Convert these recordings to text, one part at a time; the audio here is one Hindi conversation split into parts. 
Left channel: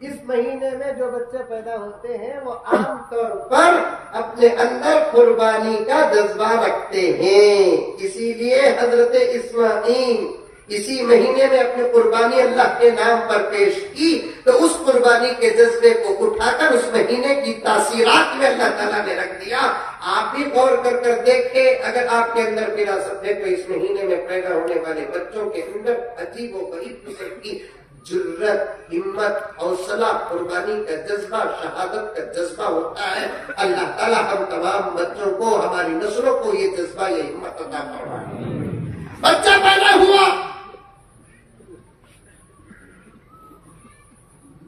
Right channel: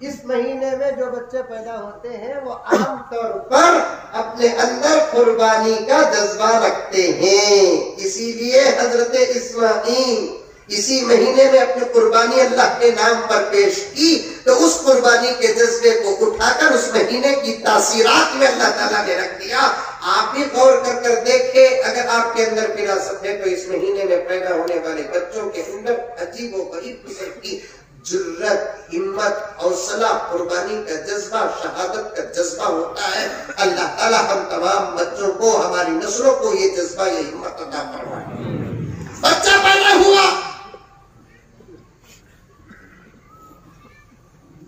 इस महीने में जो बच्चे पैदा होते हैं वो आमतौर पर अपने अंदर कुर्बानी का जज्बा रखते हैं। इसीलिए हजरत इस्माईल इसी महीने में अपनी कुर्बानी अल्लाह के नाम पर पेश की, तो उस कुर्बानी के जज्बे को उठाकर उस महीने की तासीरात में अल्लाह ताला ने रख दिया। आप भी गौर कर देखे, अगर आपके अंदर विरासत है तो इस महीने में पैदा होने वाले बच्चों के अंदर अजीब व गरीब किस्म की जुर्रत, हिम्मत, हौसला, कुर्बानी का जज्बा, शहादत का जज्बा होता है। अल्लाह ताला हम तमाम बच्चों को, हमारी नस्लों को ये जज्बा, ये हिम्मत अता फरमाए। बच्चा पैदा हुआ,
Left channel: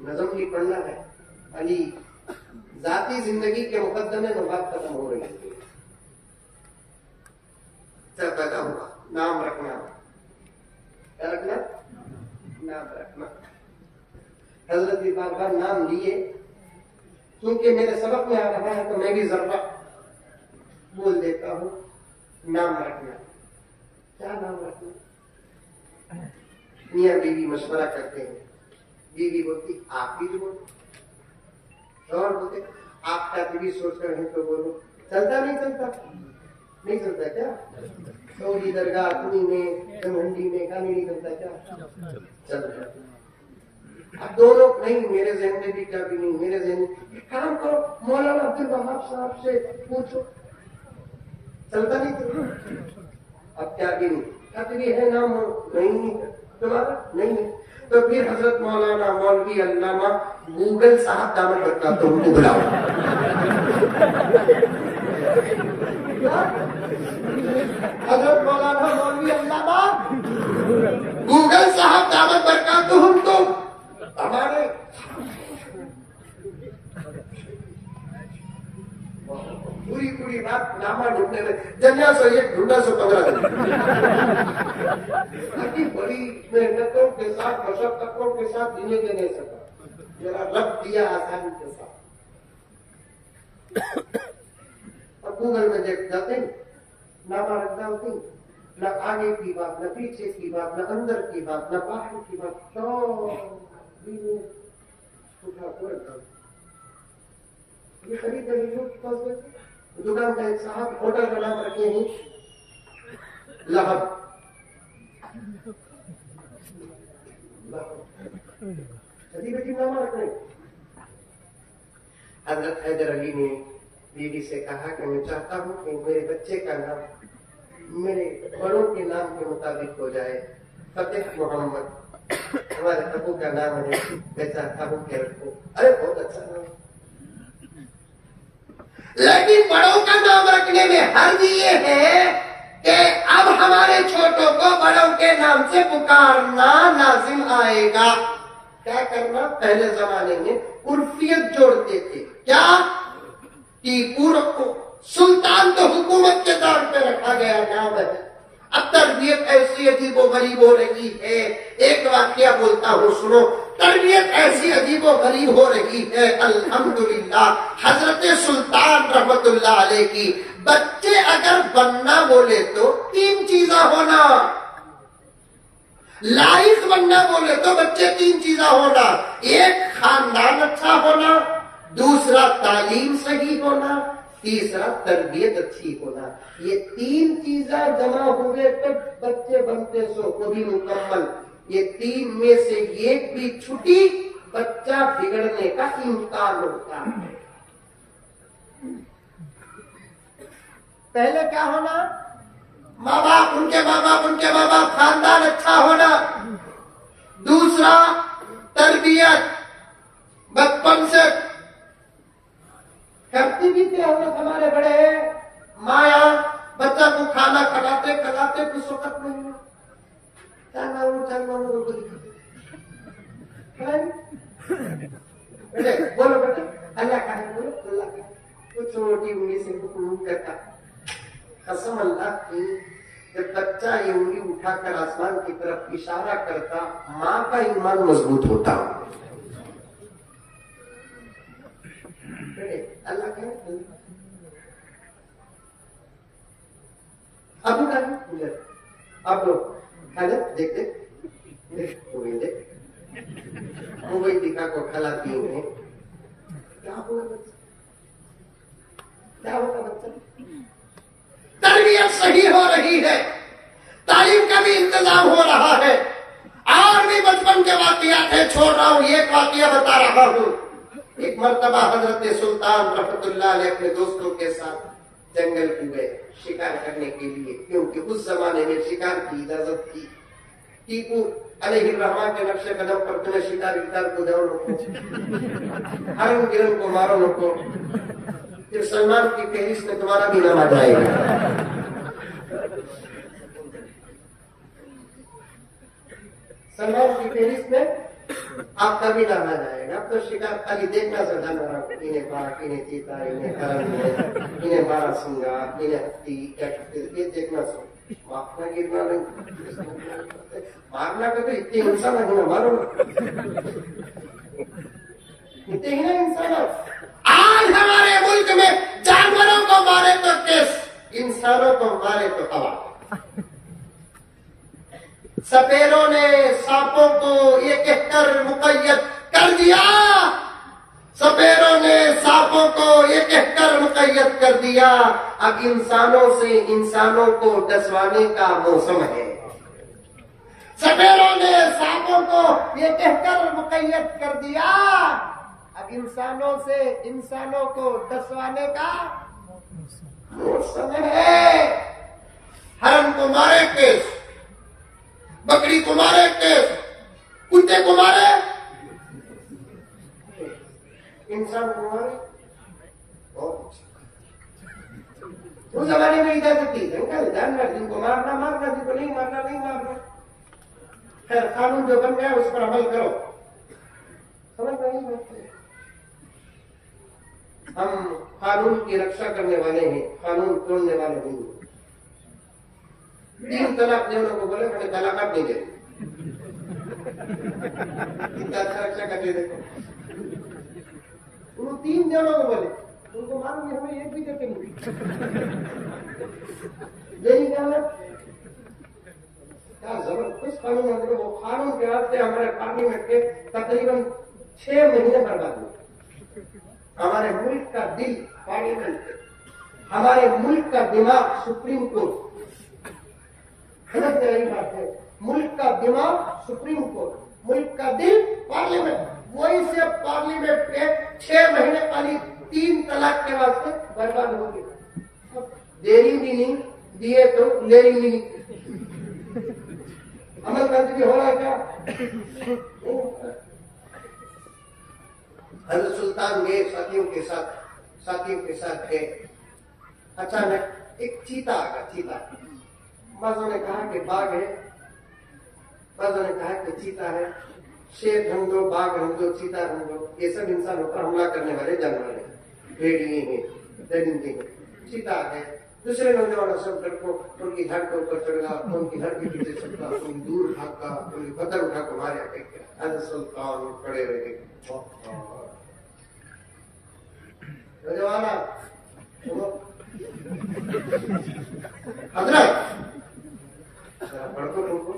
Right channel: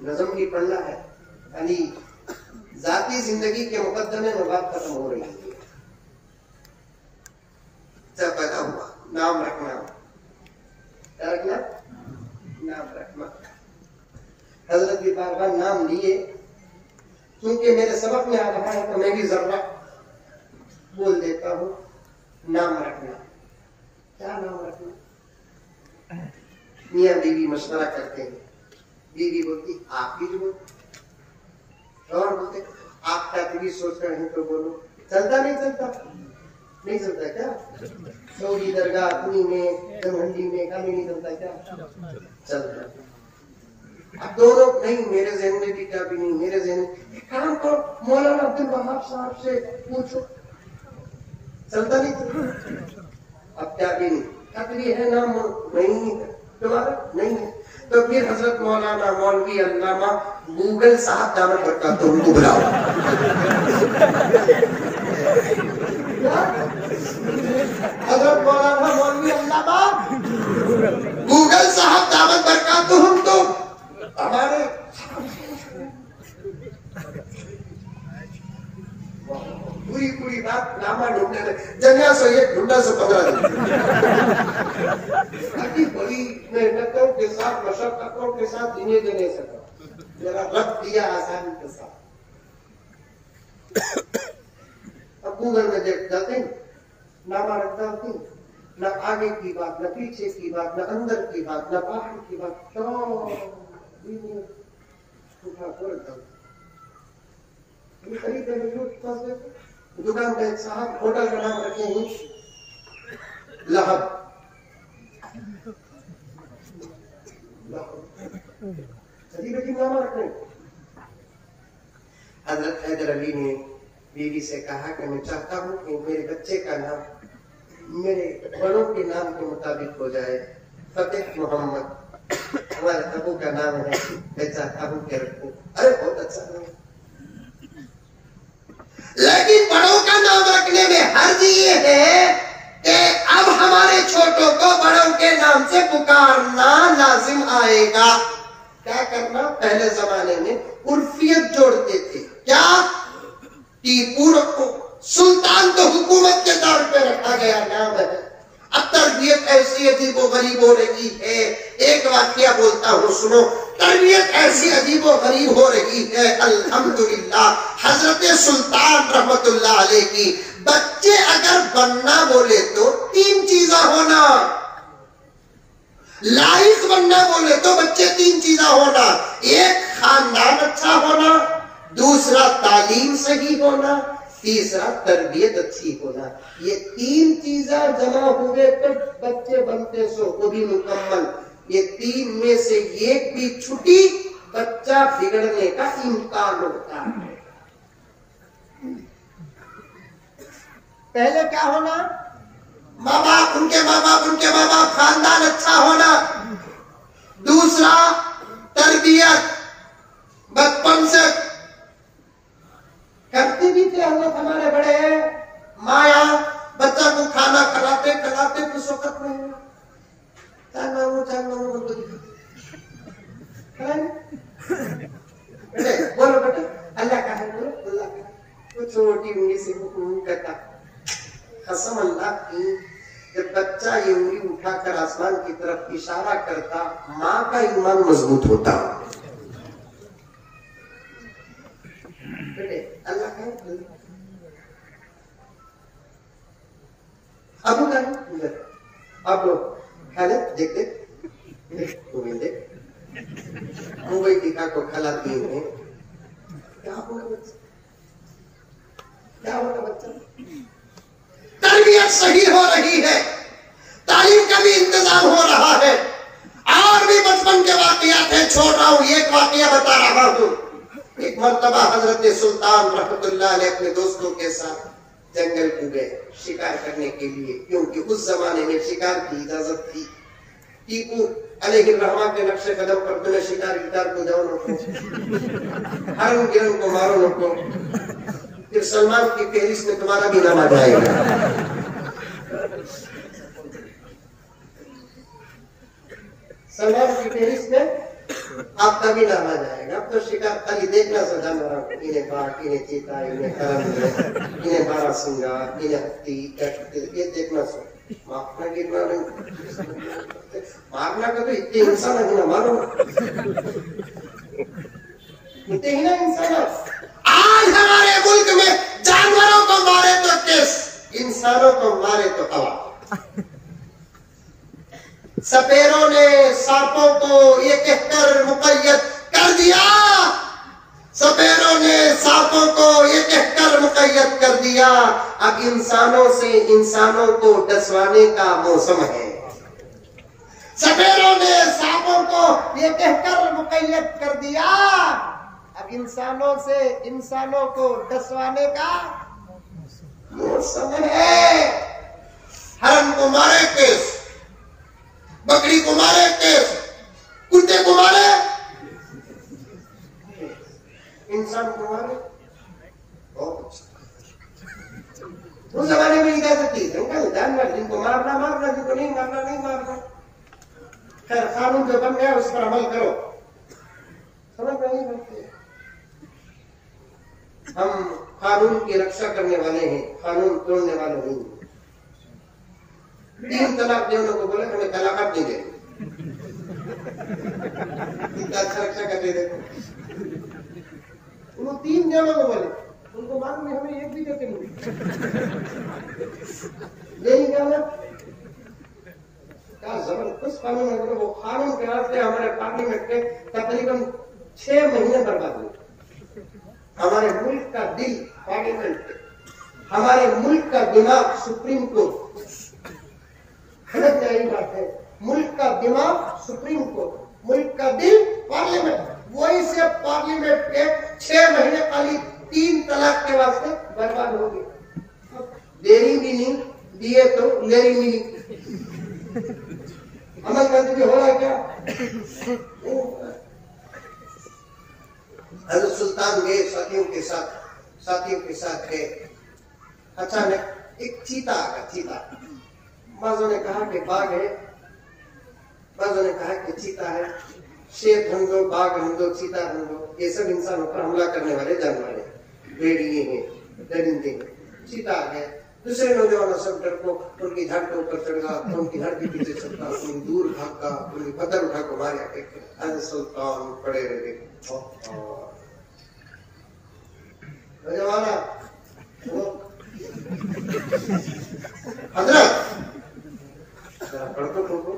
नज़म भी पढ़ना है, यानी जाती जिंदगी के मुकद्दमे में बात खत्म हो रही है। बच्चा पैदा हुआ, नाम रखना, क्या रखना? नाम रखना। हजरत भी बार बार नाम लिए, क्योंकि मेरे सबक में आ रहा है तो मैं भी जरा बोल देता हूं। नाम रखना, क्या नाम रखना? मियां बीवी मशवरा करते हैं, बीवी बोलती आप भी बोलो, और बोलते आप क्या भी सोच रहे हैं तो बोलो। चलता नहीं चलता? नहीं चलता क्या? सऊदी दरगाह कुनी में, जमहंडी में गाने नहीं चलता क्या? चलता। अब दोनों नहीं, मेरे जहन में भी क्या भी नहीं, मेरे जहन में काम करो, मौलाना अब्दुल वहाब साहब से पूछो, चलता नहीं चलता। अब क्या भी नहीं, कतरी है नाम नहीं तुम्हारा नहीं है, तो फिर हजरत मौलाना मौलवी अल्लामा गूगल साहब दामन बरका तो उनको बुलाओ। हजरत मौलाना मौलवी अल्लामा गूगल साहब दामन बरका तो हम तो हमारे पूरी पूरी बात नामा ढूंढने लगे, जन्ना से ये ढूंढा से पकड़ा अभी बड़ी मेहनतों के साथ, मशक्कतों के साथ जीने के नहीं सकता, जरा रब दिया आसानी के साथ। अब गूगल में देख जाते हैं, नामा रखता होती, न आगे की बात, न पीछे की बात, न अंदर की बात, न बाहर की बात, ये खरीद दुकान का एक साहब होटल का नाम रखे हैं लहब। नाम रखे। हजरत हैदर अली ने बीवी से कहा कि मैं चाहता हूँ कि मेरे बच्चे का नाम मेरे बड़ों के नाम के मुताबिक हो जाए, फतेह मोहम्मद हमारे अबू का नाम है, मैं चाहता हूँ कि रखूं। अरे बहुत अच्छा नाम, लेकिन बड़ों का नाम रखने में हर्ज ये है कि अब हमारे छोटों को बड़ों के नाम से पुकारना लाजिम आएगा। क्या करना? पहले जमाने में उर्फियत जोड़ते थे, क्या टीपू रखो, सुल्तान तो हुकूमत के दौर पे रखा गया नाम है। अब तरबियत ऐसी अजीबो गरीब हो रही है, एक वाक्या बोलता हूँ सुनो, तरबियत ऐसी अजीबो गरीब हो रही है, अल्हम्दुलिल्लाह हजरत सुल्तान रहमतुल्लाह अलैह की बच्चे अगर बनना बोले तो 3 चीजा होना, लाइफ बनना बोले तो बच्चे 3 चीजा होना, एक खानदान अच्छा होना, दूसरा तालीम सही होना, तीसरा तरबियत अच्छी होना। ये 3 चीजें जमा हो गए तो बच्चे बनते सो कभी मुकम्मल। ये 3 में से एक भी छुटी, बच्चा बिगड़ने का इम्कान होता है। पहले क्या होना? माँ बाप, उनके माँ बाप, खानदान अच्छा होना। दूसरा तरबियत, बचपन से करते भी थे हमारे बड़े माया, बच्चा को खाना खिलाते खिलाते कुछ वक्त नहीं हुआ, बेटे बोलो बेटे अल्लाह का है, बोलो अल्लाह का, तो छोटी उंगली से हुक्म करता, कसम अल्लाह की, जब बच्चा ये उंगली उठाकर आसमान की तरफ इशारा करता, माँ का ईमान मजबूत होता। बेटे अल्लाह का है, अब अब हालत देखते मोबाइल कोई टीका को खिलाती हूँ, क्या होगा बच्चा? क्या होगा बच्चा? तरबियत सही हो रही है, तालीम का भी इंतजाम हो रहा है। और भी बचपन के वाकयात है, छोड़ रहा हूँ, एक वाकया बता रहा हूँ। एक मर्तबा हजरत सुल्तान रहमतुल्लाह अलैह अपने दोस्तों के साथ जंगल में गए शिकार करने के लिए, क्योंकि उस जमाने में शिकार की इजाजत थी। टीपू अलैहिर्रहमान के नक्शे कदम पर तुम्हें शिकार को जाओ नको, हरम गिरम को मारो नको, फिर सलमान की फेरिस्त में तुम्हारा भी नाम आ जाएगा। सलमान की फेरिस्त में आपका भी नाम आ जाएगा। अब तो शिकार खाली देखना से जानवर, इन्हें बाघ, इन्हें चीता, इन्हें हरण, इन्हें बारहसिंगा, इन्हें हाथी, ये देखना से मारना गिरना नहीं, मारना का तो इतने इंसान है ना, मारो इतने ही ना इंसान। आज हमारे मुल्क में जानवरों को मारे तो केस, इंसानों को मारे तो हवा। सपेरों ने सांपों को ये कहकर मुक़य्यद कर दिया, सपेरों ने सांपों को ये कहकर मुक़य्यद कर दिया, अब इंसानों से इंसानों को डसवाने का मौसम है। सपेरों ने सांपों को ये कहकर मुक़य्यद कर दिया, अब इंसानों से इंसानों को डसवाने का मौसम है। हरम को मारे केस, बकरी को मारे केस, कुत्ते को मारे, इंसान को मारे। उस जमाने में इजाजत थी, जानवर जिनको मारना मारना, जिनको नहीं मारना नहीं मारना। खैर कानून जो बन गया उस पर अमल करो, समझ में नहीं बनती। हम कानून की रक्षा करने वाले हैं, कानून तोड़ने वाले नहीं। 3 तलाक देने को बोले, हमें तलाक नहीं दे, अच्छा रक्षा कर दे। उन्होंने 3 जनों को बोले, उनको मालूम नहीं, हमें एक भी देते नहीं। क्या जबरदस्त कानून है। वो कानून के रास्ते हमारे पार्लियामेंट के तकरीबन 6 महीने बर्बाद हुए। हमारे मुल्क का दिल पार्लियामेंट, हमारे मुल्क का दिमाग सुप्रीम कोर्ट। समझ में आई बात है? मुल्क का दिमाग सुप्रीम कोर्ट, मुल्क का दिल पार्लियामेंट। वही से पार्लियामेंट के 6 महीने खाली 3 तलाक के वास्ते बर्बाद हो गए। देरी भी नहीं दिए तो लेरी नहीं। अमल करते भी हो रहा है क्या? हज़रत सुल्तान गए साथियों के साथ गए। अचानक एक चीता आया। चीता, बाजों ने कहा कि बाघ है, बाजों ने कहा कि चीता है। शेर ढूंढ दो, बाघ ढूंढ दो, चीता ढूंढ दो, ये सब इंसानों पर हमला करने वाले जानवर हैं, भेड़िए हैं, दरिंदे हैं। चीता आ गए। दूसरे नौजवानों सब डर को उनकी धड़ के ऊपर चढ़ा, उनकी धड़ के पीछे चढ़ा, उन दूर भागा, उनकी बदर उठा को मारे। हज़रत सुल्तान खड़े रहे। नौजवाना हजरत जरा पढ़ दो तुमको।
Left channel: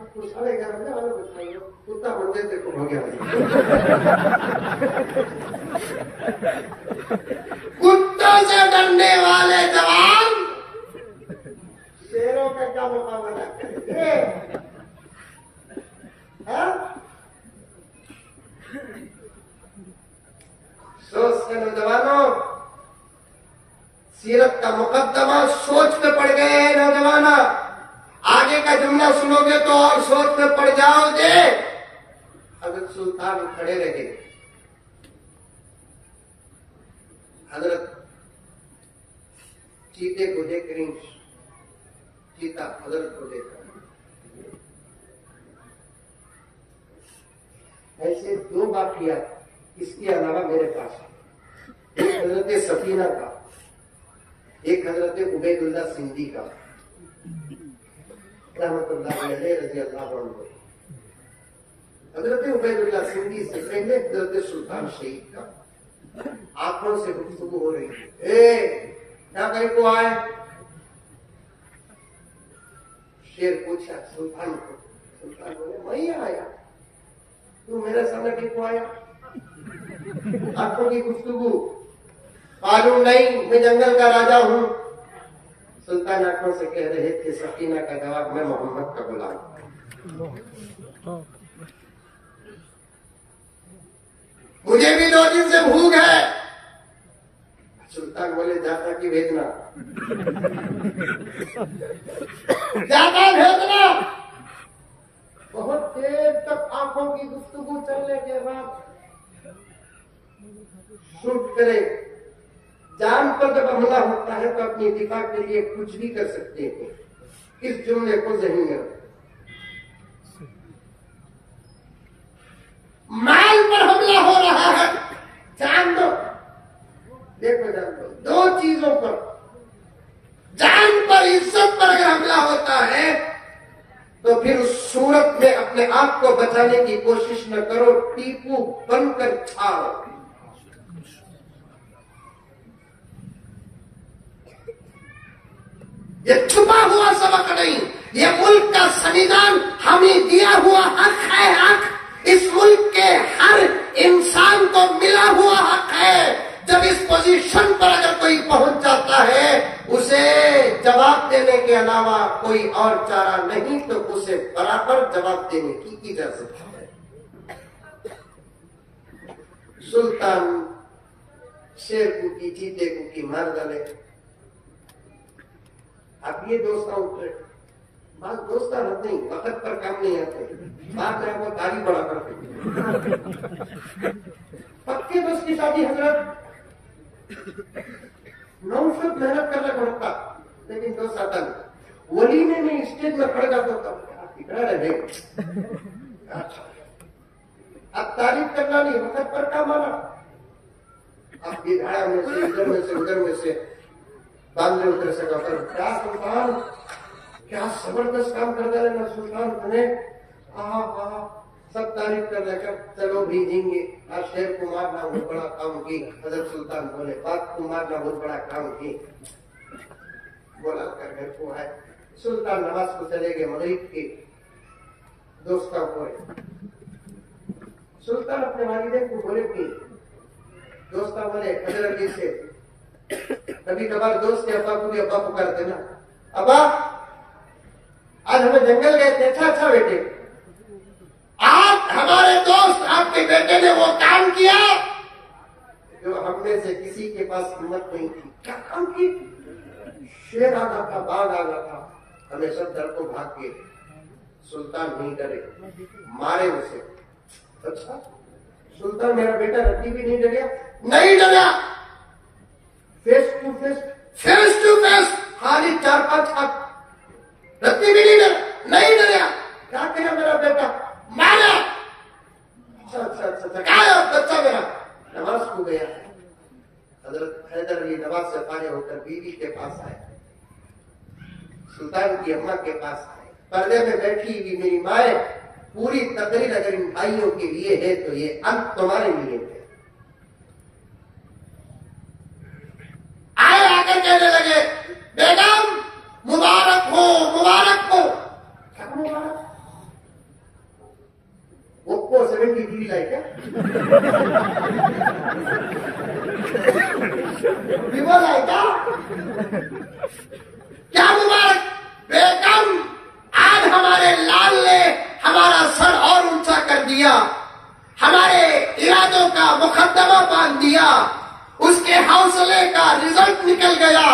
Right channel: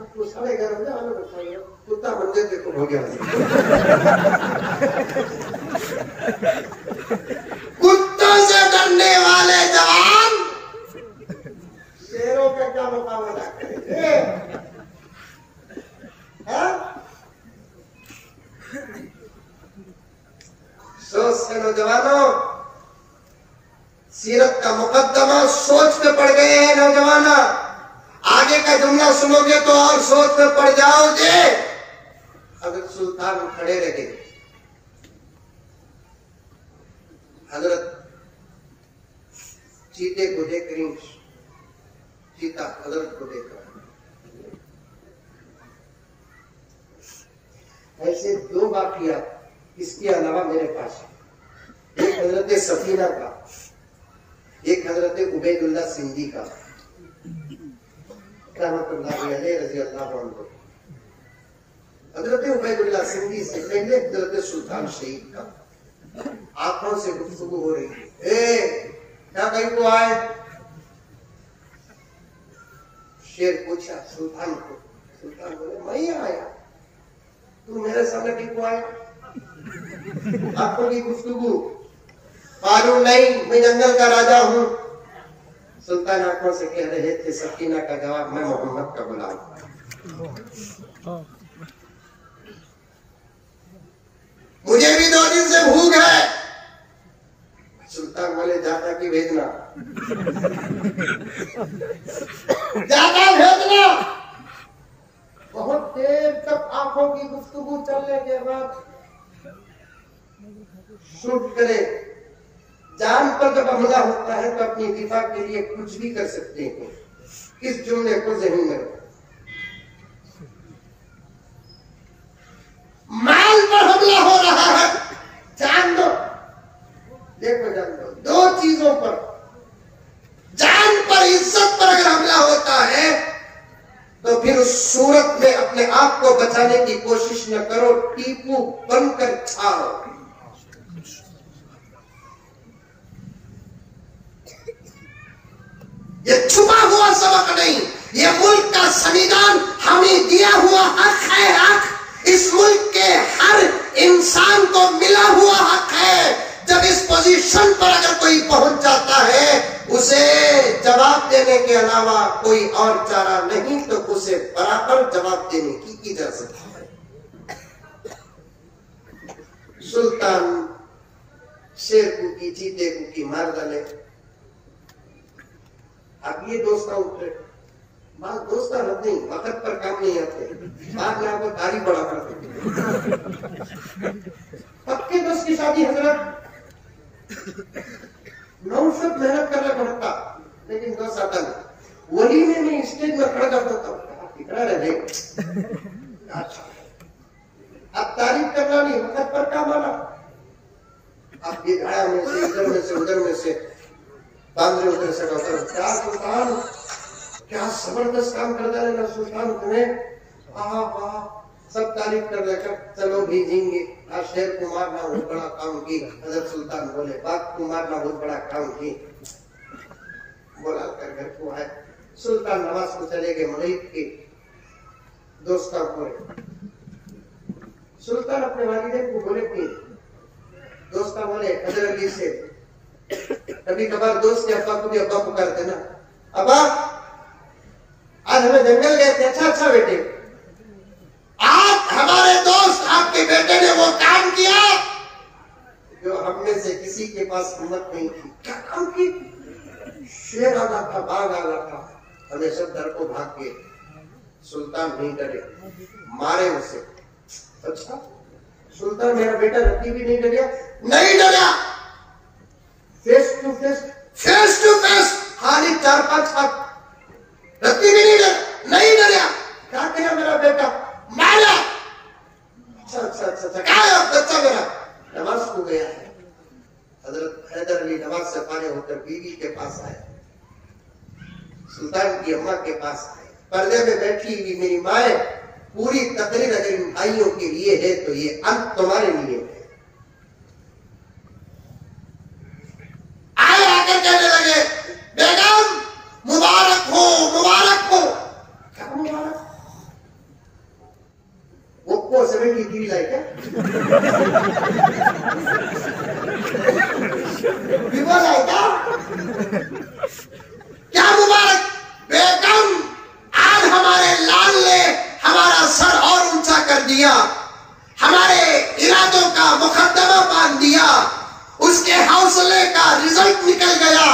आपको 11:30 बजे आने बताइए, कुत्ता मंदिर देखो हो गया। कुत्तों से डरने वाले जवान शेरों का क्या मुकाबला करेंगे? सोच के नौजवानों, सीरत का मुकद्दमा सोच में पड़ गए हैं नौजवाना। आगे का जुमला सुनोगे तो और सोच में पड़ जाओगे। हजरत सुल्तान खड़े रहे। हजरत चीते को देख रही, चीता हजरत को देख रहा। ऐसे 2 वाक़ियात इसके अलावा मेरे पास। एक हजरत सफीना का, एक हजरत उबैदुल्लाह सिंधी का रज़ी अल्लाह अन्हु। हजरत उबैदुल्लाह सिंधी से पहले हजरत सुल्तान शहीद का आंखों से गुफ्तगू हो रही है। क्या कहीं को आए? शेर पूछा सुल्तान को, सुल्तान बोले मैं ही आया, तू मेरे सामने क्यों आया? आंखों की गुफ्तगू, मालूम नहीं मैं जंगल का राजा हूं। सुल्तान आंखों से कह रहे थे, सकीना का जवाब, मैं मोहम्मद का गुलाम। मुझे भी 2 दिन से भूख है। सुल्तान बोले जाता की भेजना, जाता भेजना। बहुत देर तक आंखों की गुफ्तगू चलने के बाद शूट करे। जान पर जब हमला होता है तो अपनी दिफा के लिए कुछ भी कर सकते हैं। इस जुमले को ज़हन में रखो। माल पर हमला हो रहा है, जान दो। देखो जान दो, 2 चीजों पर, जान पर, इज्जत पर अगर हमला होता है तो फिर उस सूरत में अपने आप को बचाने की कोशिश न करो, टीपू बनकर छाओ। ये छुपा हुआ सबक नहीं, ये मुल्क का संविधान हमें दिया हुआ हक है। हक इस मुल्क के हर इंसान को मिला हुआ हक है। जब इस पोजीशन पर अगर कोई पहुंच जाता है, उसे जवाब देने के अलावा कोई और चारा नहीं, तो उसे बराबर जवाब देने की इजाजत है। सुल्तान शेर को की, चीते को की मार डाले। अब ये दोस्ता उठे, बात दोस्ता नहीं, वक्त पर काम नहीं आते, बात आपको गाड़ी बड़ा पड़ती। पक्के दोस्त की शादी हजरत 900 मेहनत करना पड़ता, लेकिन दोस्त आता नहीं। वलीमे में स्टेज में खड़ा कर देता, इतना रहे। अच्छा, अब तारीफ करना नहीं, वक्त पर काम आना। अब ये घड़ा में से, इधर में से, उधर में से बांधे उधर से कहता, क्या सुल्तान, क्या जबरदस्त काम कर देना सुल्तान तुम्हें। सब तारीफ कर देकर चलो भेजेंगे। आज शेर को मारना बहुत बड़ा काम की। हजरत सुल्तान बोले, बात को मारना बहुत बड़ा काम की। बोला कर घर को आए। सुल्तान नमाज को चले गए मुरीद के दोस्तों को। सुल्तान अपने वालिदैन को बोले कि दोस्ता बोले हजरत अली से, कभी कभार दोस्त के अब्बा को भी अब्बा पुकारते ना, अब्बा आज हमें जंगल गए थे, अच्छा बेटे, आज हमारे दोस्त आपके बेटे ने वो काम किया जो हम में से किसी के पास हिम्मत नहीं थी। क्या काम की? शेर आ रहा था, बाघ आ रहा था, हमें सब डर को भाग गए। सुल्तान नहीं डरे, मारे उसे। अच्छा, सुल्तान मेरा बेटा रत्ती भी नहीं डरिया? नहीं डरा। फेस टू फेस खाली 4-5 हाथ, रत्ती भी नहीं डरा। क्या कहा मेरा बेटा? मारा। अच्छा, क्या बच्चा मेरा नमाज को गया है। हजरत हैदर अली नमाज से फारिग होकर बीवी के पास आए, सुल्तान की अम्मा के पास आए। पर्दे में बैठी हुई मेरी माँ, पूरी तकरीर अगर इन भाइयों के लिए है तो ये अंत तुम्हारे लिए है। आए आकर कहने लगे, बेगम मुबारक हो, मुबारक हो। क्या मुबारक? वो 73 लाइक है, विवल है क्या मुबारक? बेगम आज हमारे लाल ने हमारा सर और ऊंचा कर दिया, हमारे इरादों का मुकद्दमा बांध दिया, उसके हौसले का रिजल्ट निकल गया,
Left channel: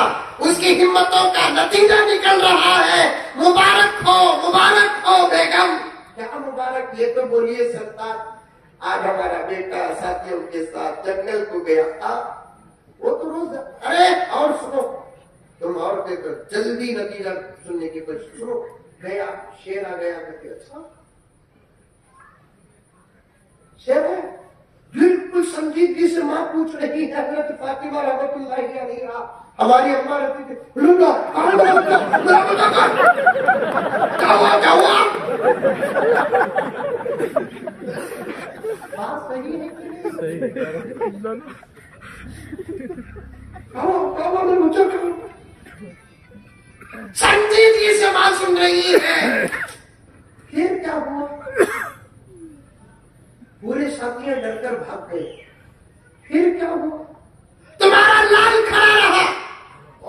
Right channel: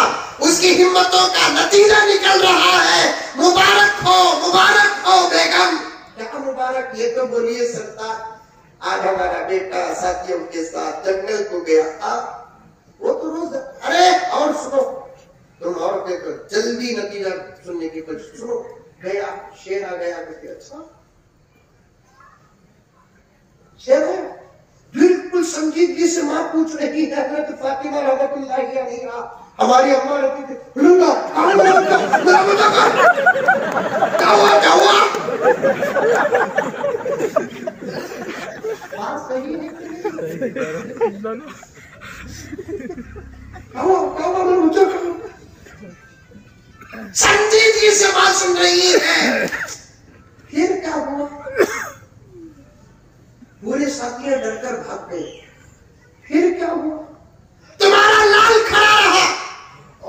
उसकी हिम्मतों का नतीजा निकल रहा है। मुबारक हो बेगम। क्या मुबारक? ये तो बोलिए सरदार, आज हमारा बेटा साथियों के साथ जंगल को गया था। वो तो रोज, अरे और सुनो, तुम और के तो जल्दी नतीजा सुनने की कोशिश सुनो। गया, शेर आ गया। अच्छा शेर है, बिल्कुल संजीदगी से माँ पूछ रही है, हजरत फातिमा रहमतुल्लाहि अलैहा, हमारी अम्मा रहती थी, बात सही है कि नहीं? संजीदगी से बात सुन रही है। फिर क्या हुआ? पूरे साथियां डरकर भाग गए। फिर क्या हुआ? तुम्हारा लाल खड़ा रहा।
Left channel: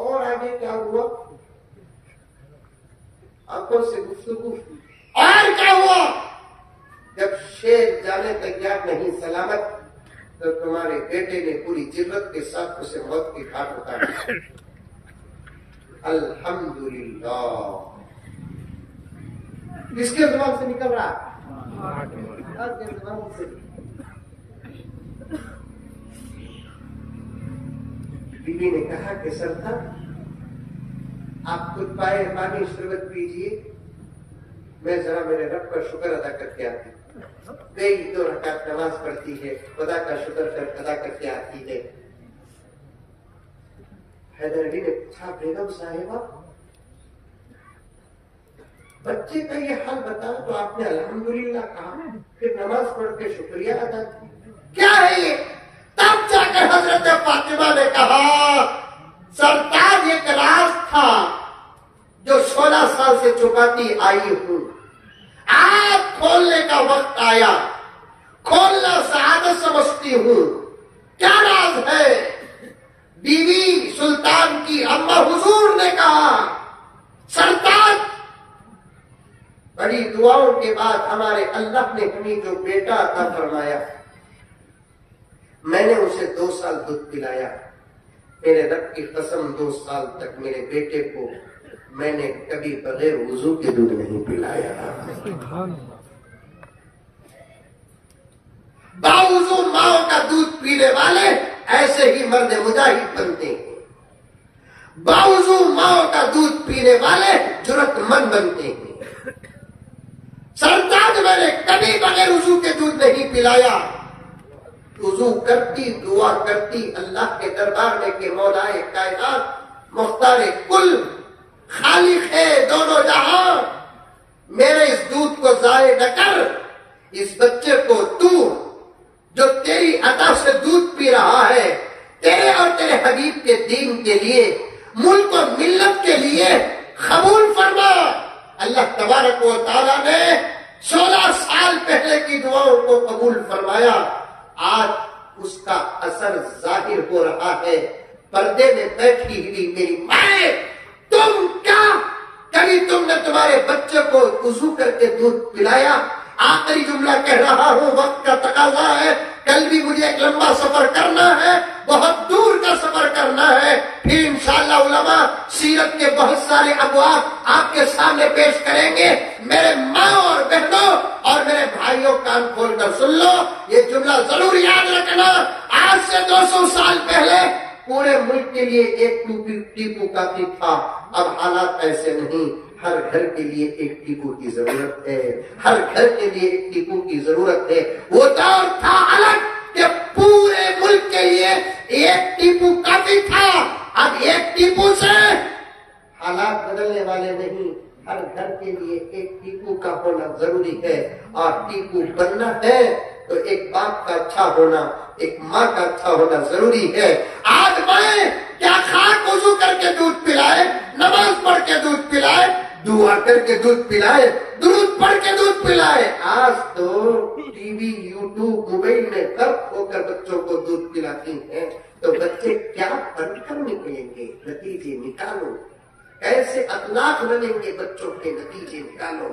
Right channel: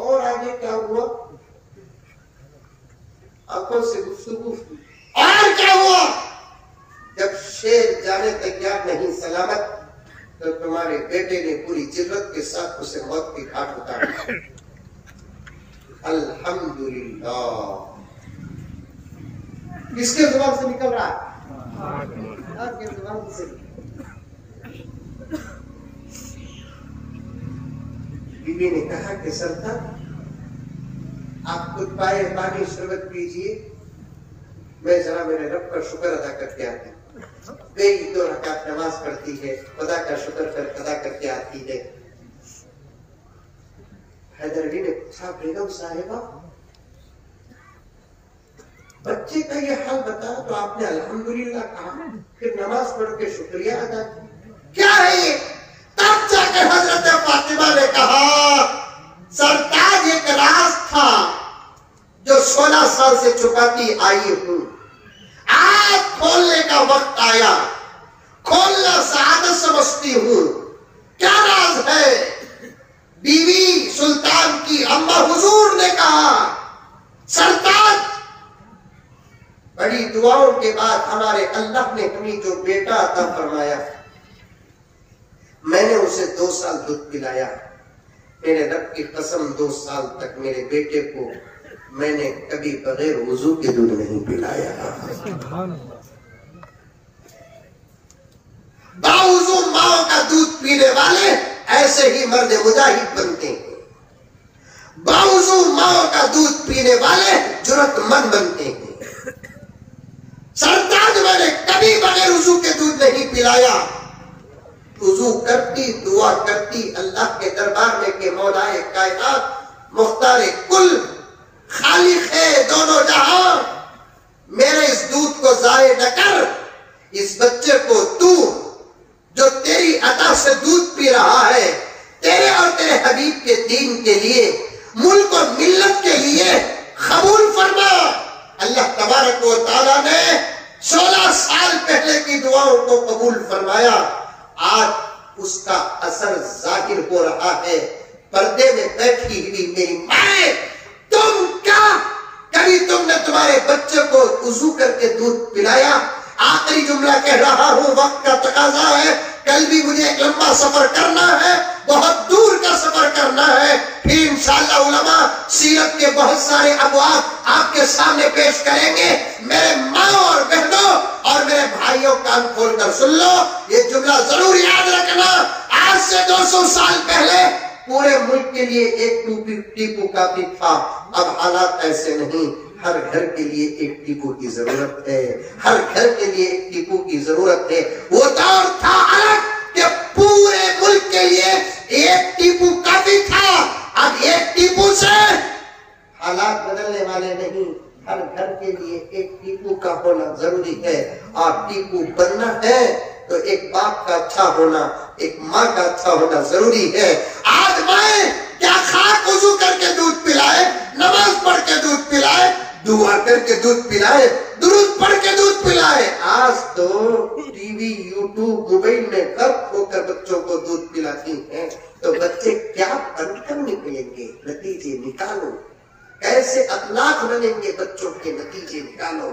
और आगे क्या हुआ? आंखों से गुफ्तगू। और क्या हुआ? जब शेर जाने तैयार नहीं सलामत, तो तुम्हारे बेटे ने पूरी जिल्लत के साथ उसे मौत की घाट उतारी। अल्हम्दुलिल्लाह। किसके जुबान से निकल रहा है? आपके जुबान से। बीबी ने कहा कि सरदार, आप खुद पाए पानी शरबत पीजिए, मैं जरा मेरे रब का शुक्र अदा करके आती। कई 2 रकात नमाज पढ़ती है, खुदा का शुक्र अदा करके आती है। हैदर अली ने पूछा, बेगम साहिबा, बच्चे का ये हाल बता तो आपने अल्हम्दुलिल्लाह कहा, फिर नमाज पढ़ के शुक्रिया अदा किया, क्या है ये? तब जाकर हजरत फातिमा ने कहा, सरताज एक राज था जो 16 साल से छुपाती आई हूं, आज खोलने का वक्त आया, खोलना सआदत समझती हूं। क्या राज है? बीवी सुल्तान की अम्मा हुजूर ने कहा, सरताज, बड़ी दुआओं के बाद हमारे अल्लाह ने हमें जो बेटा अता फरमाया, मैंने उसे 2 साल दूध पिलाया। मेरे रब की कसम 2 साल तक मेरे बेटे को मैंने कभी बगैर वुजू के दूध नहीं पिलाया। बावजू मां का दूध पीने वाले ऐसे ही मर्द मुजाहिद बनते हैं। बावजू मां का दूध पीने वाले जुर्रतमंद बनते हैं। सरताज, मैंने कभी बगैर वुजू के दूध नहीं पिलाया। वुजू करती, दुआ करती अल्लाह के दरबार में के मौलाए कायनात मुख्तारे कुल खालिक है दोनों जहां, मेरे इस दूध को जाये न कर। इस बच्चे को तू जो तेरी अता से दूध पी रहा है, तेरे और तेरे हबीब के दीन के लिए, मुल्क और मिल्लत के लिए कबूल फरमा। अल्लाह तबारक व तआला ने 16 साल पहले की दुआओं को कबूल फरमाया। आज उसका असर जाहिर हो रहा है। पर्दे में बैठी हुई मेरी माए, तुम क्या कभी तुमने तुम्हारे बच्चे को वुजू करके दूध पिलाया? आखिरी जुमला कह रहा हूं, वक्त का तकाजा है। कल भी मुझे एक लंबा सफर करना है, बहुत दूर का सफर करना है। फिर इंशाअल्लाह उलमा सीरत के बहुत सारे अबवाब आपके सामने पेश करेंगे। मेरे माँ और बहनों और मेरे भाइयों, कान खोलकर सुन लो, ये जुमला जरूर याद रखना। आज से 200 साल पहले पूरे मुल्क के लिए एक टीपू काफी था। अब हालात ऐसे नहीं, हर घर के लिए एक टीपू की जरूरत है। हर घर के लिए एक टीपू की जरूरत है। वो दौर था अलग कि पूरे मुल्क के लिए एक टीपू काफी था। अब एक टीपू से हालात बदलने वाले नहीं, हर घर के लिए एक टीपू का होना जरूरी है। और टीपू बनना है तो एक बाप का अच्छा होना, एक माँ का अच्छा होना जरूरी है। आज मैं क्या खाक वुजू करके दूध पिलाए, नमाज पढ़ के दूध पिलाए, दुआ करके दूध पिलाए, दुरूद पढ़ के दूध पिलाए। आज तो टीवी, यूट्यूब, मोबाइल में गर्क होकर बच्चों को दूध पिलाती हैं। तो बच्चे क्या पढ़कर निकलेंगे? नतीजे निकालो। कैसे अखलाक बनेंगे बच्चों के? नतीजे निकालो।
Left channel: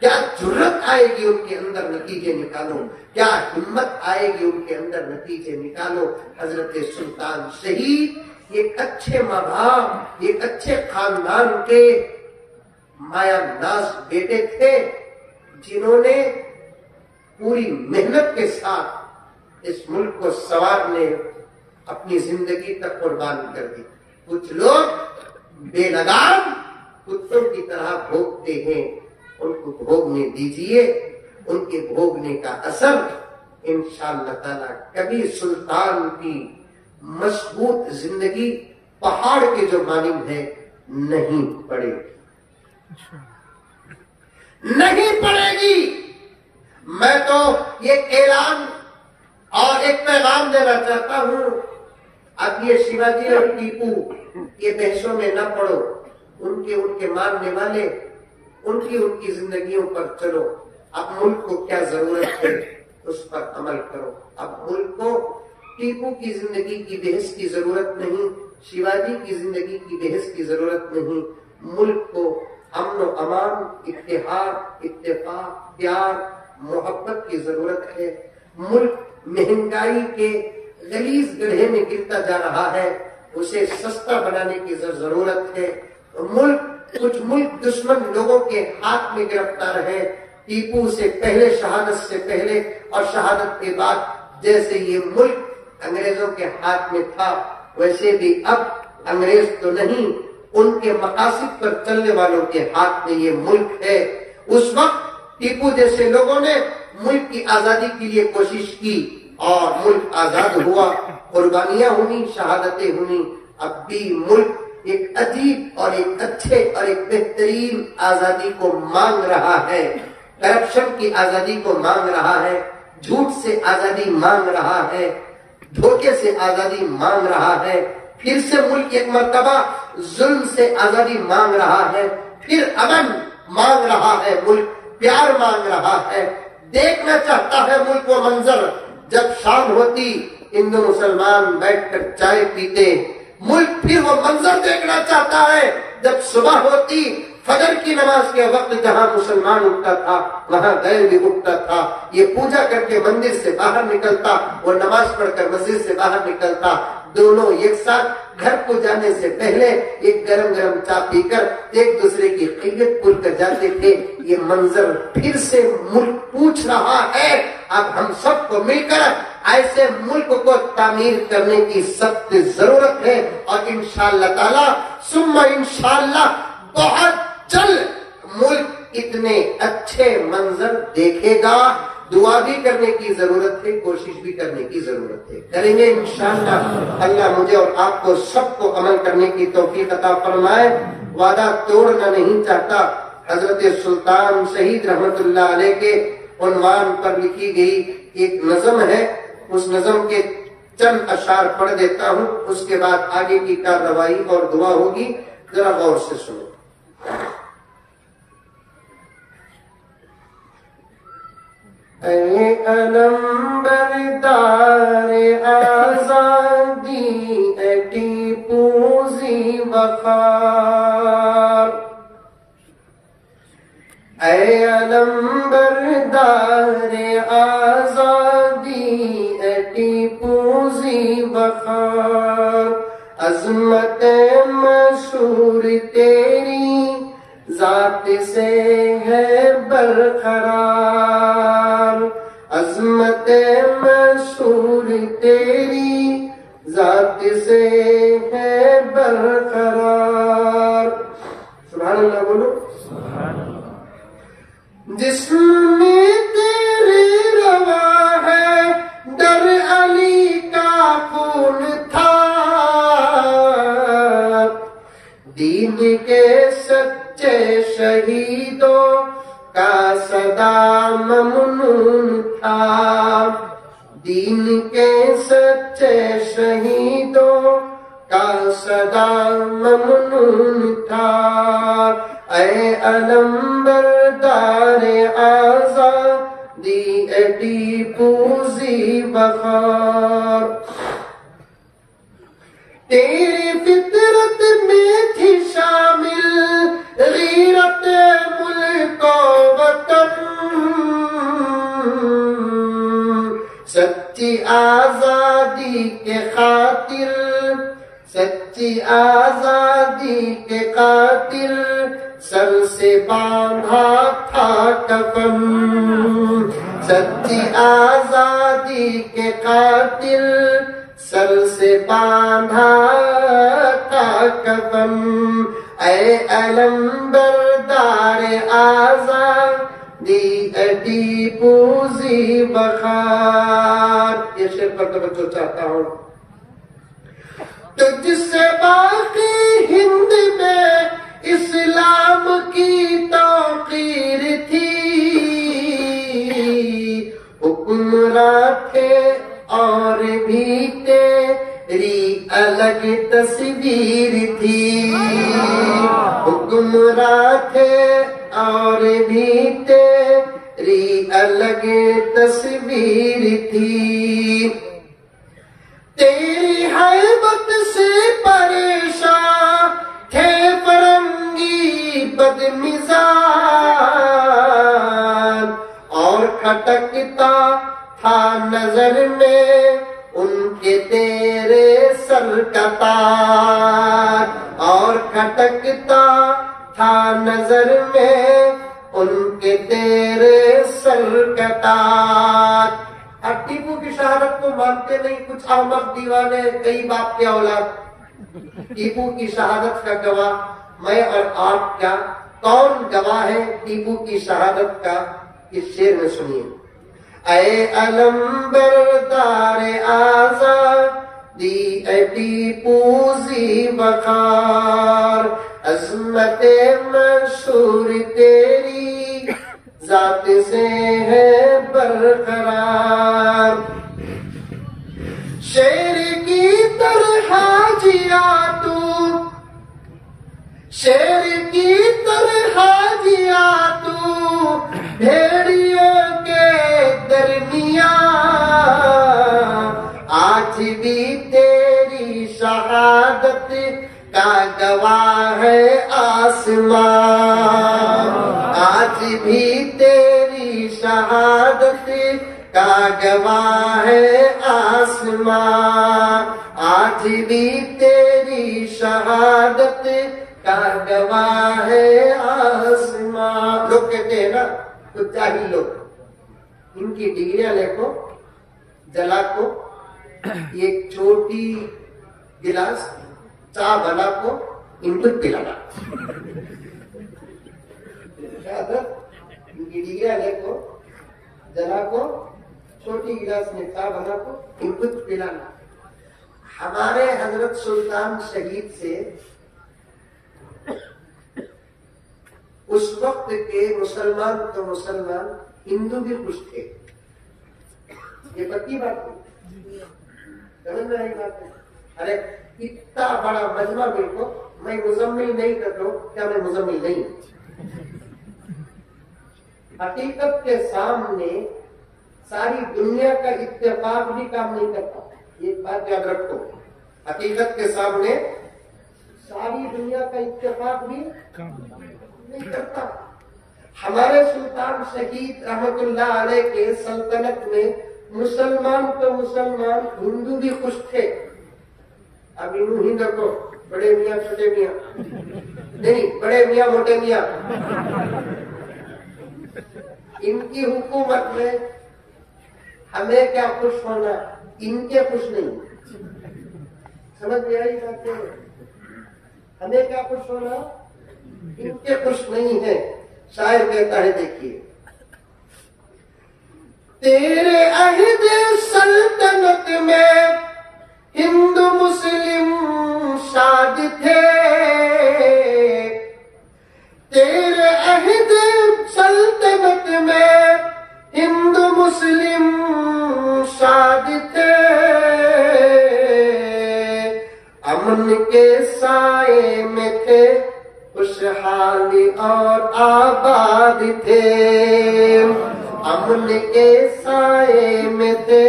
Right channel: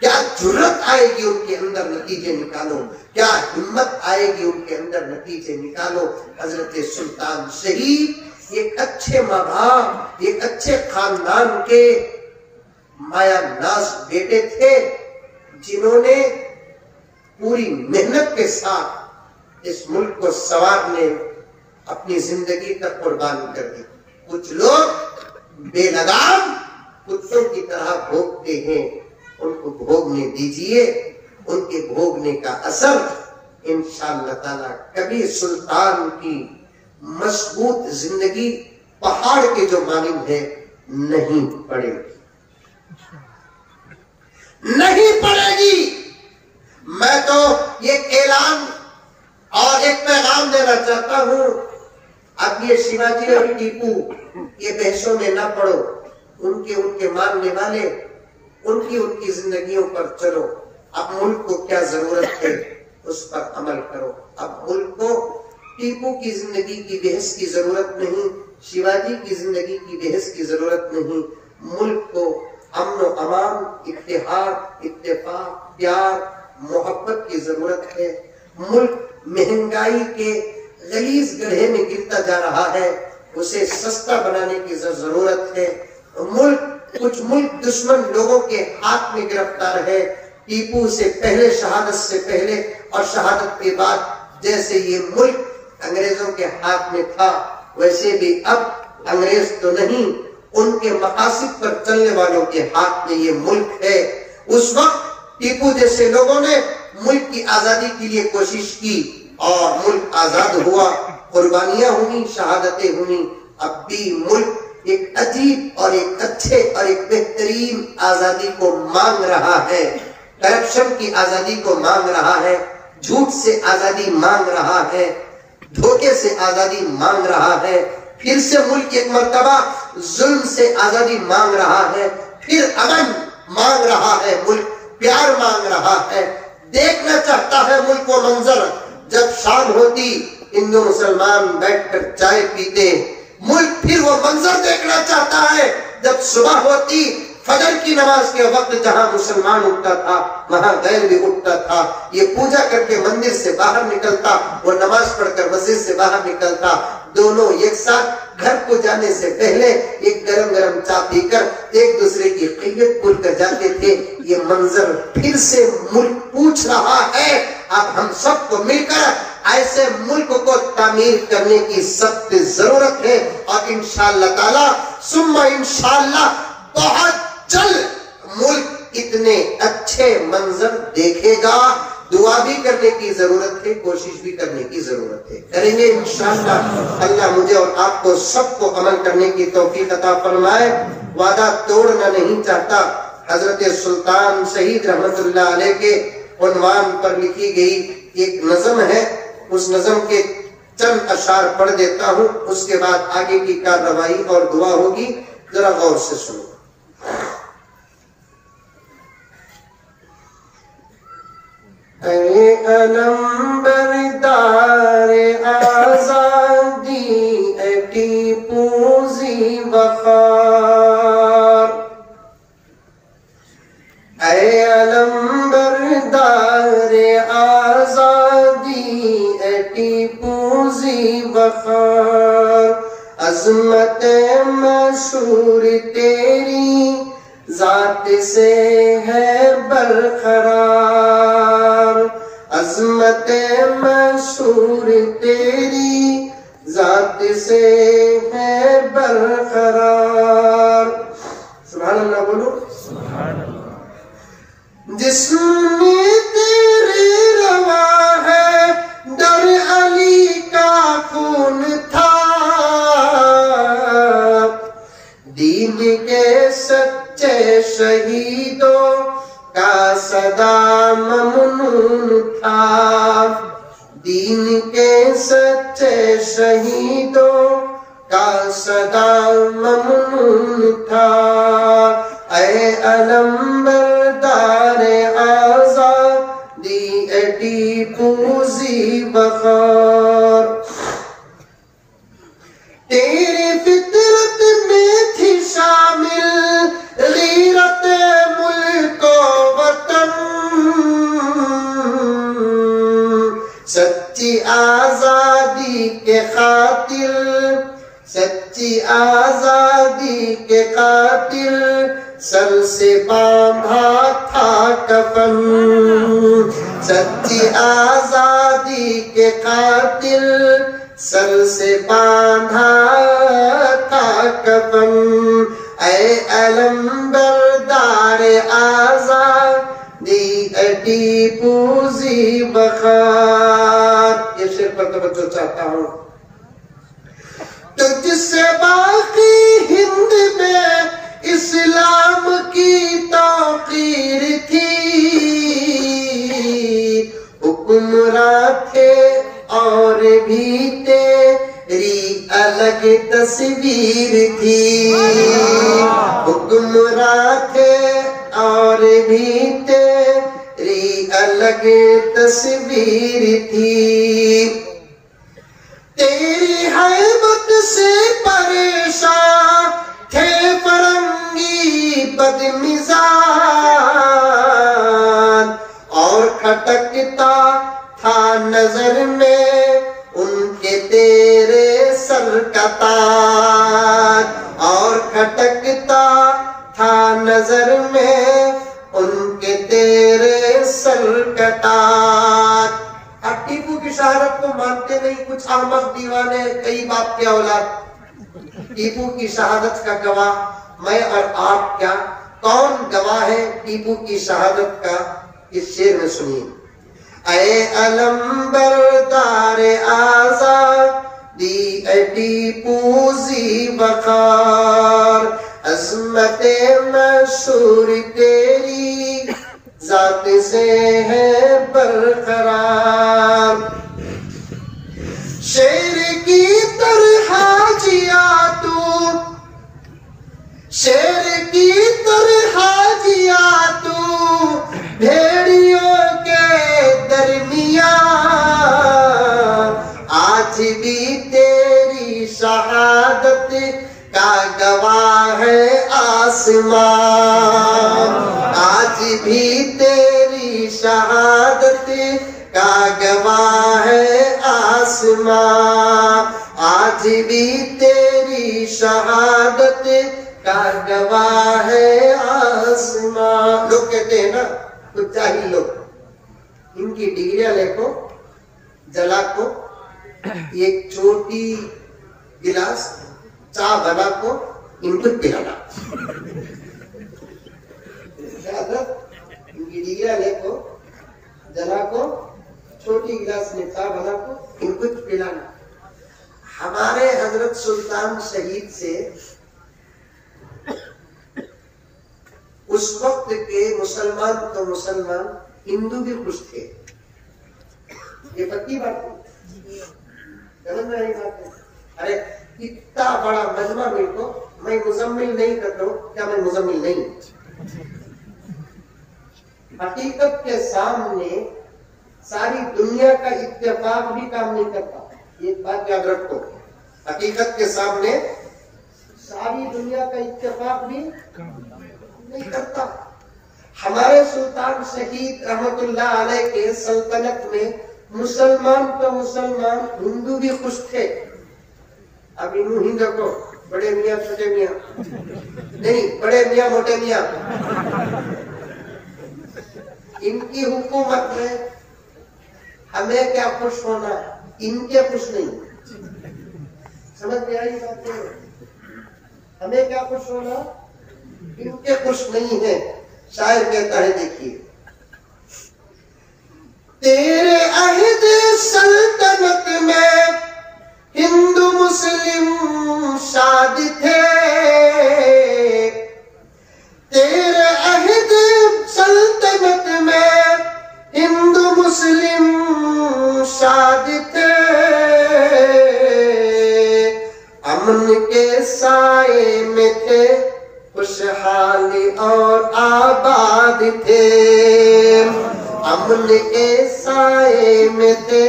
क्या जुर्रत आएगी उनके अंदर? नतीजे निकालो। क्या हिम्मत आएगी उनके अंदर? नतीजे निकालो। हजरत सुल्तान शहीद एक अच्छे माँ बाप, एक अच्छे खानदान के माया नाज बेटे थे, जिन्होंने पूरी मेहनत के साथ इस मुल्क को संवारने अपनी जिंदगी तक कुर्बान कर दी। कुछ लोग बेलगाम कुत्तों की तरह भोगते हैं, उनको भोगने दीजिए। उनके भोगने का असर इंशाअल्लाह ताला कभी सुल्तान की मजबूत जिंदगी पहाड़ के जो मानिंद है नहीं पड़ेगी, नहीं पड़ेगी। मैं तो ये ऐलान और एक पैगाम देना चाहता हूं, अब ये शिवाजी और टीपू ये बहसों में न पड़ो। उनके मानने वाले उनकी उनकी जिंदगियों पर चलो। अब मुल्क को क्या जरूरत है उस पर अमल करो। अब मुल्क को टीपू की जिंदगी की बहस की जरूरत नहीं, शिवाजी की जिंदगी की बहस की जरूरत नहीं। मुल्क को अमन और अमान, इत्तेहाद, इत्तेफाक, प्यार, मोहब्बत की जरूरत है। मुल्क महंगाई के गलीज गड्ढे में गिरता जा रहा है, उसे सस्ता बनाने की जरूरत है। कुछ मुल्क दुश्मन लोगों के हाथ में गिरफ्तार है। टीपू से पहले, शहादत से पहले और शहादत के बाद जैसे ये मुल्क अंग्रेजों के हाथ में था, वैसे भी अब अंग्रेज तो नहीं, उनके मकासद पर चलने वालों के हाथ में ये मुल्क है। उस वक्त टीपू जैसे लोगों ने मुल्क की आजादी के लिए कोशिश की और मुल्क आजाद हुआ, कुर्बानियां हुई, शहादतें हुई। अब भी मुल्क एक अजीब और एक अच्छे और एक बेहतरीन आजादी को मांग रहा है। करप्शन की आजादी को मांग रहा है, झूठ से आजादी मांग रहा है, धोखे से आजादी मांग रहा है। फिर से मुल्क एक मर्तबा जुल्म से आजादी मांग रहा है, फिर अमन मांग रहा है, मुल्क प्यार मांग रहा है। देखना चाहता है मुल्क वो मंजर जब शाम होती, हिंदू मुसलमान बैठकर चाय पीते। मुल्क फिर वो मंजर देखना चाहता है जब सुबह होती, फजर की नमाज के वक्त जहां मुसलमान उठता था वहां गैर भी उठता था। ये पूजा करके मंदिर से बाहर निकलता, वो नमाज पढ़कर मस्जिद से बाहर निकलता। दोनों एक साथ घर को जाने से पहले एक गरम गरम चाय पीकर एक दूसरे की खैरियत पूछ कर जाते थे। ये मंजर फिर से मुल्क पूछ रहा है। अब हम सबको मिलकर ऐसे मुल्क को तामीर करने की सख्त जरूरत है और इंशाअल्लाह ताला सुम्मा इंशाअल्लाह बहुत जल्द मुल्क इतने अच्छे मंजर देखेगा। दुआ भी करने की जरूरत है, कोशिश भी करने की जरूरत है, करेंगे इंशाअल्लाह। अल्लाह मुझे और आपको सबको अमल करने की तौफीक अता फरमाए। वादा तोड़ना नहीं चाहता। हजरत सुल्तान शहीद रहमतुल्लाह अलैह के उन्वान पर लिखी गई एक नज़म है, उस नज़म के चंद अशार पढ़ देता हूँ, उसके बाद आगे की कार्रवाई और दुआ होगी। जरा गौर से सुनो। ऐ अलम बरदार आजादी, ऐ टीपू ज़ी वक़ार, ऐ अलम बरदार आजादी, ऐ टीपू ज़ी वक़ार। अज़मत मशहूर तेरी जात से है बरकरार, अज़मत मशहूर तेरी जात से है बरकरार। सुभान अल्लाह बोलो। जिसमें तेरे रवा है दर अली का खून था, दीन के सच्चे शहीदों का सदा ममनून था, दीन के सच्चे शहीदों का सदा ममनून था। ऐ अलम बरदार आज़ादी, ऐ टीपू ज़ी वक़ार। तेरी फितरत में थी शामिल गीरत मुल्क वतन, सच्ची आजादी के खातिर, सच्ची आजादी के खातिर सर से बांधा था कफन, सच्ची आजादी के खातिर सर से बांधा था कफन। ऐ अलम बरदार आज़ादी, ऐ टीपू ज़ी वक़ार। ये शेर पर तवज्जो चाहता हूँ। तुझसे बाकी हिंद में इस्लाम की तौक़ीर थी, हुक्मरां थे और भी तेरी अलग तस्वीर थी, हुक्मरां थे और तेरी अलग तस्वीर थी। तेरी हैबत से परेशान थे फरंगी बदमिजाज, और खटकता था नजर में उनके तेरे सर का ताज, और खटकता था नजर में उनके तेरे सर का ताज। टीपू की शहादत को मानते नहीं कुछ अहमद दीवाने, कई बाप के औलाद। टीपू की शहादत का गवाह मैं और आप क्या, कौन गवाह है टीपू की शहादत का? इस शेर में सुनिए। ऐ अलम बरदार आज़ादी ऐ टीपू ज़ी वक़ार, अज़मते मशहूर तेरी ज़ात से है बरकरार। शेर की तरह जिया तू, शेर की तरह जिया तू भेड़ियों के दरमियान, आज भी तेरी शहादत का गवाह है आसमान, आज भी तेरी शहादत का गवाह है आसमान, आज भी तेरी शहादत का गवाह है आसमान। लोग कहते हैं ना कुछ जाहिल लोग, इनकी डिग्रियां लेको जला को एक छोटी गिलास चाय बना को इनको पिलाना। इनकी डिग्रियां लेको जला को छोटी गिलास में चाय बना को इनको पिलाना। हमारे हजरत सुल्तान शहीद से उस वक्त के मुसलमान तो मुसलमान, हिंदू भी खुश थे। ये पक्की बात है, समझ में आई बात है? अरे इतना बड़ा मजमा मेरे को, मैं मुजम्मिल नहीं करता हूं, क्या मैं मुजम्मिल नहीं? हकीकत के सामने सारी दुनिया का इत्तेफाक भी काम नहीं करता। एक बात याद रखो, हकीकत के सामने सारी दुनिया का इत्तेफाक भी नहीं करता। हमारे सुल्तान शहीद रहमतुल्लाह अलैह के सल्तनत में मुसलमान तो मुसलमान, हिंदू भी खुश थे। अब इन हिंदू को बड़े मियाँ छोटे मियाँ नहीं, बड़े मियाँ मोटे मियाँ, इनकी हुकूमत में हमें क्या खुश होना, इनके खुश नहीं। समझ में आई बात है? हमें क्या खुश होना, इनके खुश नहीं है। शायर कहता है, देखिए, तेरे अहद सल्तनत में हिंदू मुस्लिम शाद थे, तेरे अहद सल्तनत में हिंदू मुस्लिम शाद थे, अमन के साए में थे खुशहाली और आबाद थे, अमन के साए में थे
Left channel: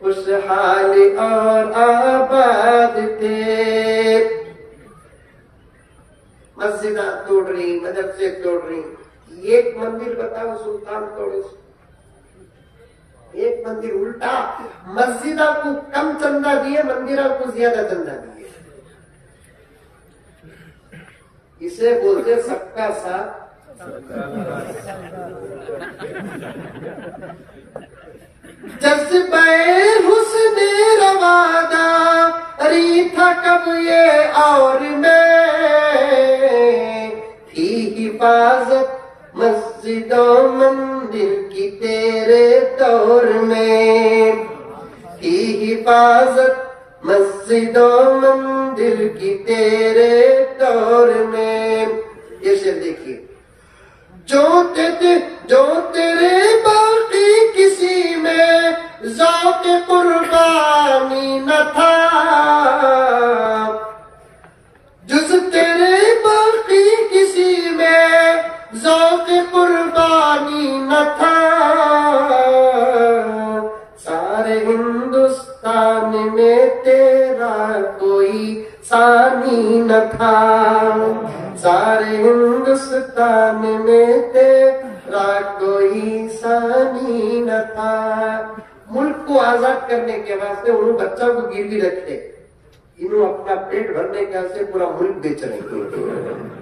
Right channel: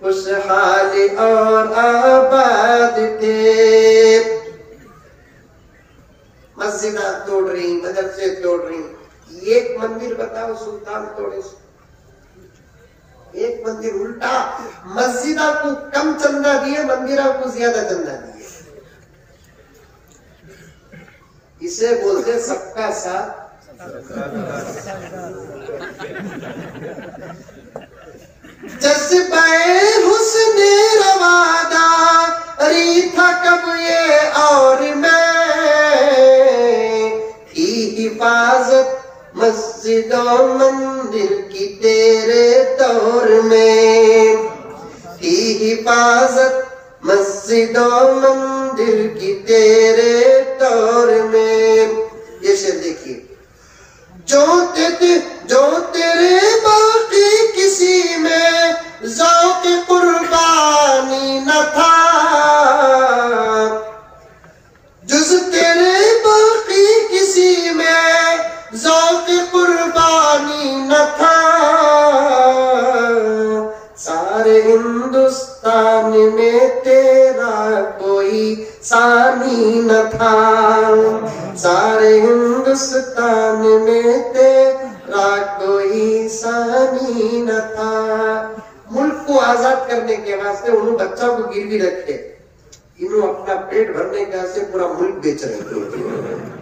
खुशहाली और आबाद थे। मस्जिद तोड़ रही, मदरसे तोड़ रही, एक मंदिर बताओ सुल्तान तोड़े, एक मंदिर उल्टा, मस्जिदा को कम चंदा दिए, मंदिरा को ज्यादा चंदा दिए। इसे बोलते सबका साथ जज्बे हुस्ने रवादा री था कब ये और मैं, की हिफाजत मस्जिदों मंदिर की तेरे दौर में, की हिफाजत मस्जिदों मंदिर की तेरे दौर में। ये शेर देखिए, जो तेरे बाकी किसी में ज़ौक़ कुर्बानी न था, जुज़ तेरे बाकी किसी में ज़ौक़ कुर्बानी में तेरा कोई सानी न था, सारे हिंदुस्तान में तेरा कोई सानी न था। मुल्क को आजाद करने के वास्ते उन्होंने बच्चों को गिरवी रखे, इन्होंने अपना पेट भरने का से पूरा मुल्क बेच रहे थे।